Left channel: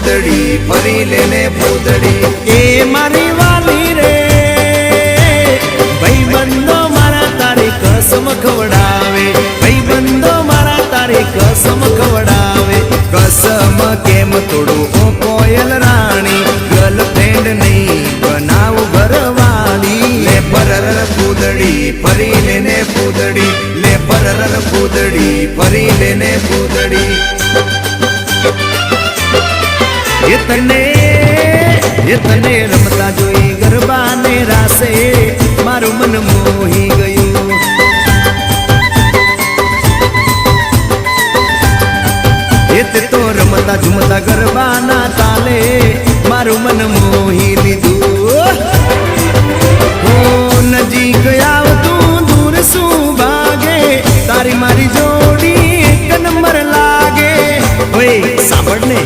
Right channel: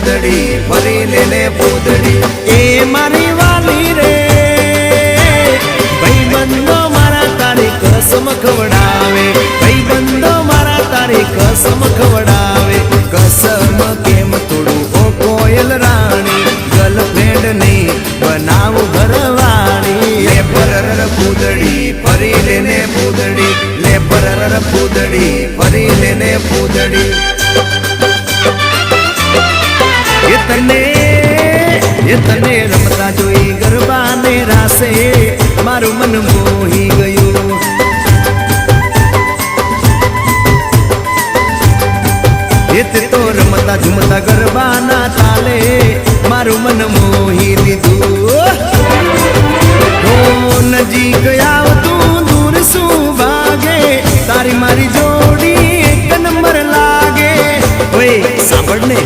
પૂતળી ફરી લેને પૂતળી એ મારી વાલી રે ભાઈ બંધો મારા તારી કસમ ખવડાવે ભાઈ બંધો મારા તારી કસમ ખવડાવે કસમ કેમ તોડું કોયલ રાણી ગર્લફ્રેન્ડ નહીં બનાવ ઘરવાળી લે પરર પૂતળી ફરી લેને પૂતળી લે પરર પૂતળી ફરી લેને પૂતળી એ તને રમતા જોઈ ગરબાને રાસે મારું મન મોહી ગયું તે તો રમતા ઝુમતા ગરબાના તાલે મારું મન મોહી લીધું હો નજીક આવતું દૂર શું ભાગે તારી મારી જોડી એક નંબર લાગે ઓય સાંભળ ને